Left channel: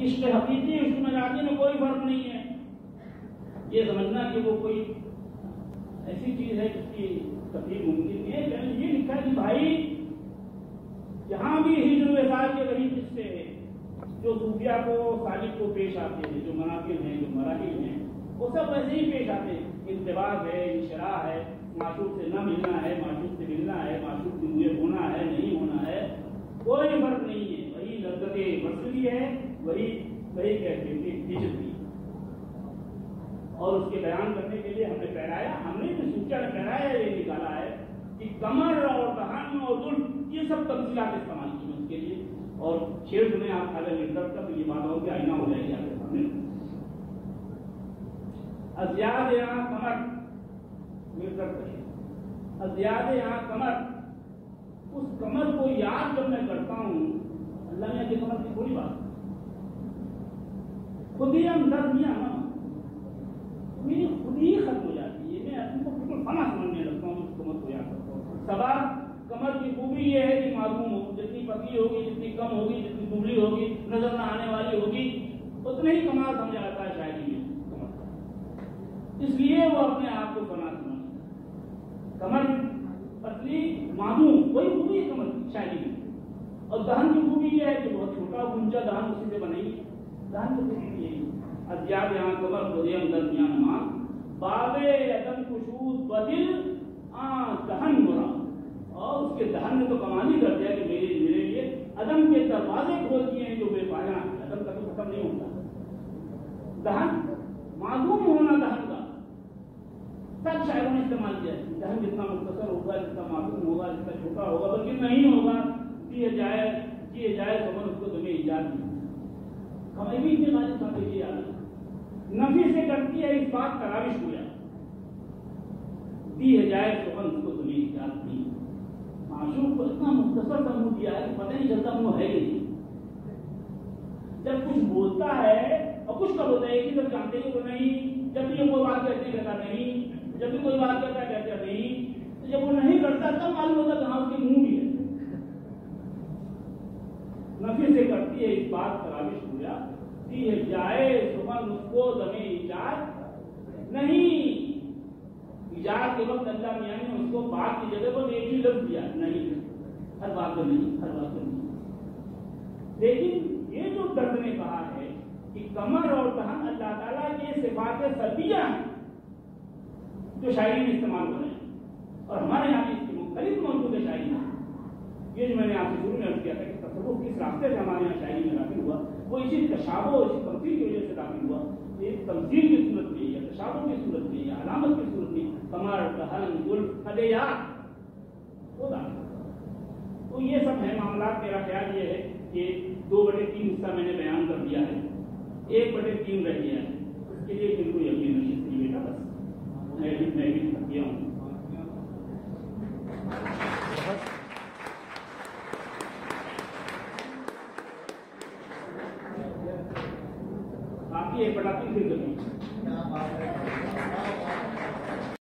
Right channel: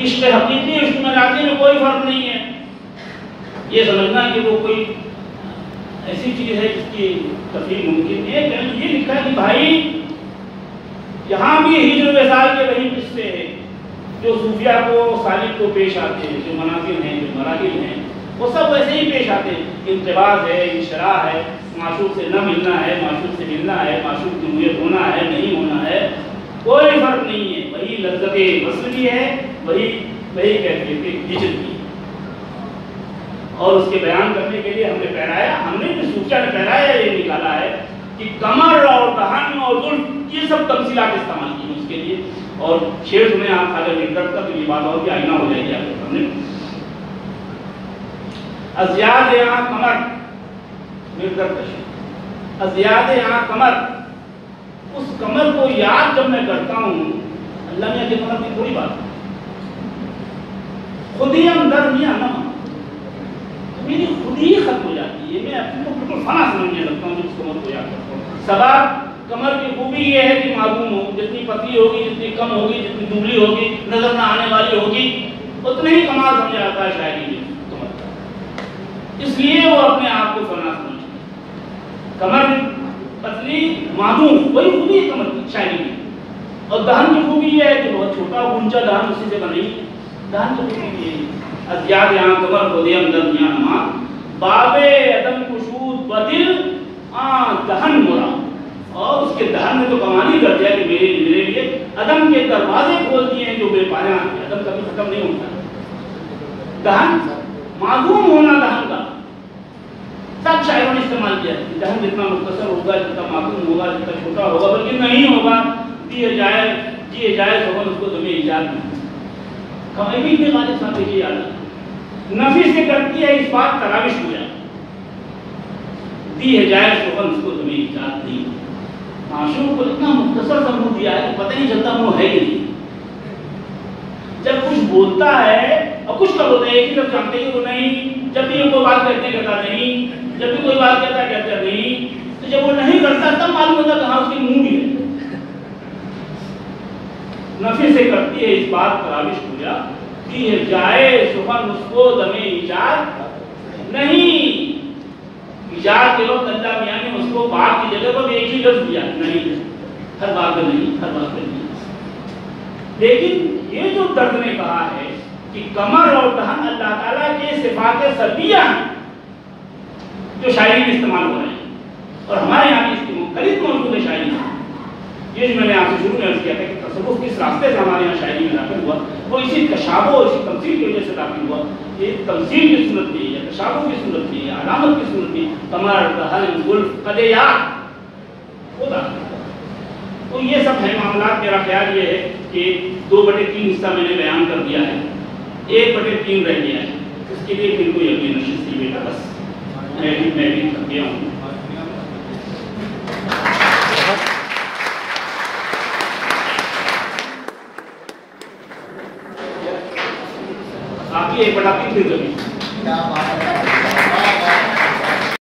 इश्क हकीकी इश्क मजाजी में कोई फर्क नहीं है। ये समझना कि वो कोई ऐसी चीज है जिसकी तफसील मुमकिन है। ये लिखा है कि भाई यहाँ भी हिजर वसाल के वही किस्से हैं जो सूफिया को सालिक को पेश आते हैं, जो मनाजिल हैं, जो मराहिल हैं, वो सब वैसे ही पेश आते हैं। इंतबाज है, इशरा है, माशूक से न मिलना है, माशूक से मिलना है, माशूक की मुयत होना है, नहीं होना है, कोई फर्क नहीं है। वही लज्जत वस्ल भी है, वही कैफियत हिजर भी। और उसके बयान करने के लिए हमने जो सूफिया ने पहराया ये निकाला है कि कमर और दहन और जुल्फ ये सब तमसीलात इस्तेमाल की उसके लिए। और शेर सुने आप खाजा निर्दर का, तो ये बात और भी आईना हो जाएगी आपके सामने। अज़ियाद यहाँ कमर निर्दर कशी, अज़ियाद यहाँ कमर, उस कमर को याद जब मैं करता हूँ, अल्लाह ने के कमर की थोड़ी बात, खुद ही अंदर मियाँ ना, तो मेरी खुद ही खत्म हो जाती है। मैं अपने को बिल्कुल फना समझने लगता हूँ जब उस कमर को याद करता हूँ। सबब कमर की खूबी ये है कि मालूम हो, जितनी पतली होगी, जितनी कम होगी, जितनी दुबली होगी, नजर ना आने वाली होगी, उतने ही कमाल समझा जाता है शायरी में कमर का। इसलिए वो अपने आप को फना समझते हैं। कमर पतली मालूम वही खूबी है कमर की शायरी में। और दहन की खूबी ये है कि बहुत छोटा ऊंचा दहन उसी से बनी, दहन की खूबी ये है। अज़ियाद यहाँ कमर खुदे अंदर यहाँ नमाज, बाबे अदम कुशूद बदिल दहन मुरा। और उसके दहन में तो कमानी कर दिया कि मेरे लिए अदम के दरवाजे खोल दिए हैं जो बेपाया हैं। अदम कभी खत्म नहीं होता। दहन मालूम होना, दहन का सब शायरों ने इस्तेमाल किया। दहन जितना मुख्तसर होगा, जितना मालूम होगा, जितना छोटा होगा, बल्कि नहीं होगा, जिए जाए सोगन उसको तुम्हें ईजाद नहीं। कभी भी गालिब साहब देखिए याद नफी से करती है इस बात तराविश हुआ, दी है जाए सोगन उसको तुम्हें ईजाद नहीं। माशूक को इतना मुख्तसर सा मुंह दिया है कि पता नहीं चलता मुंह है कि नहीं। जब कुछ बोलता है और कुछ का बोलता है, एक ही लफ्ज़ जानते हैं वो नहीं, जब भी कोई बात कहते कहता नहीं, जब भी कोई बात कहता कहता नहीं, तो जब वो नहीं करता तब मालूम होता कहाँ उसकी मुंह भी है। नफी से करती है इस बात तराविश पूजा, दी है जाए सुखन उसको दमे ईजाद नहीं। ईजाद के वक्त अल्लाह मियाँ ने उसको बात की जगह पर एक ही लफ्ज़ दिया, नहीं, हर बात में नहीं, हर बात में नहीं। लेकिन ये जो दर्द ने कहा है कि कमर और दहन अल्लाह ताला के सिफात सल्बिया हैं जो शायरी में इस्तेमाल हो रहे हैं, और हमारे यहाँ भी इसकी मुख्तलिफ मौजूद है शायरी में। ये जो मैंने आपसे शुरू में अर्ज़ किया था कि तसव्वुफ़ किस रास्ते से हमारे यहाँ शायरी में दाखिल हुआ, वो इसी तशाबुह और इसी तमसील की वजह से दाखिल हुआ। ये तमसील की सूरत थी या तशाबुह की सूरत थी या अलामत की सूरत थी, कमर दहन जुल्फ कदेयात वो दाखिल हुआ। तो ये सब है मामला। मेरा ख्याल ये है कि 2/3 हिस्सा मैंने बयान कर दिया है, 1/3 रह गया है। इसके लिए फिर कोई अगली नशिस्त थी बेटा, बस मैं भी थक गया हूँ। आपकी 1/3 फिर कभी